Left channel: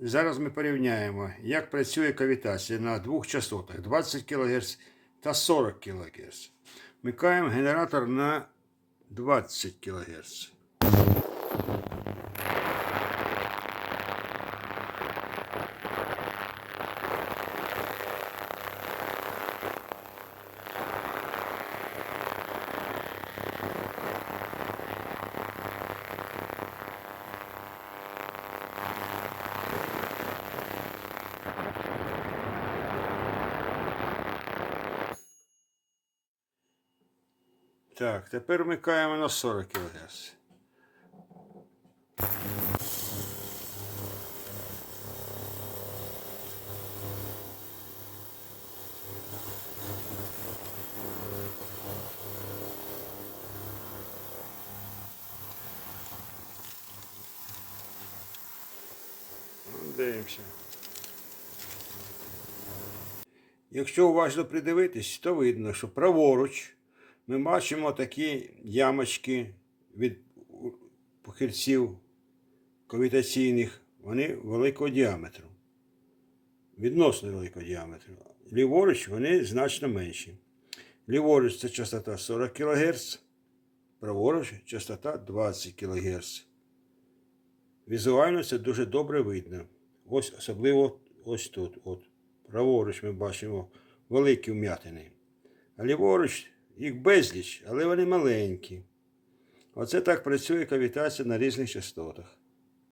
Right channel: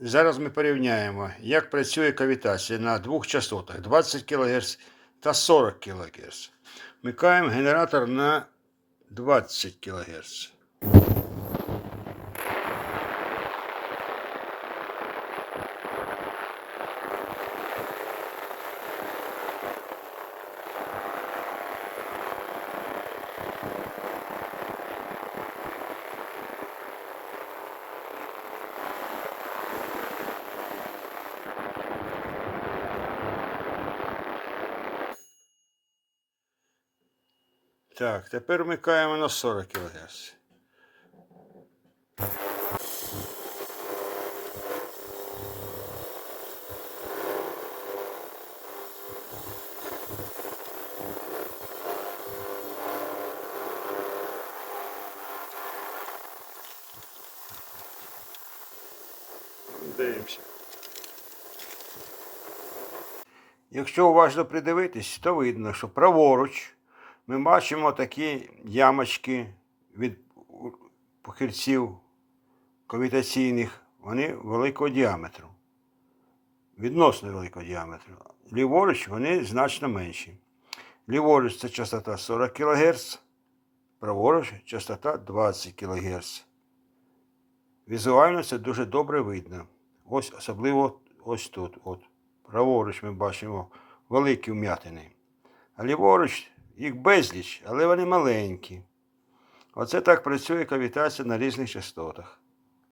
Зараз ми порівняємо, як працює кавітація на двох частотах 20 кГц та 40 кГц. Вмикаємо генератор на 20 кГц. Так, тепер вмикаємо на 40 кГц. Дивимося. Якщо уважно придивитись, то видно, що праворуч ми бачимо такі ямочки від похильців кавітаційних, вони великого діаметру. Відносно великого діаметру. Ліворуч вони значно менші. Ліворуч це частота 40 кГц, праворуч частота 20 кГц. Візуально це дуже добре видно. Ось особливо ось тут. От. Праворуч ми бачимо великі вм'ятини. А ліворуч їх безліч, але вони маленькі. Оце так працює кавітація на різних частотах.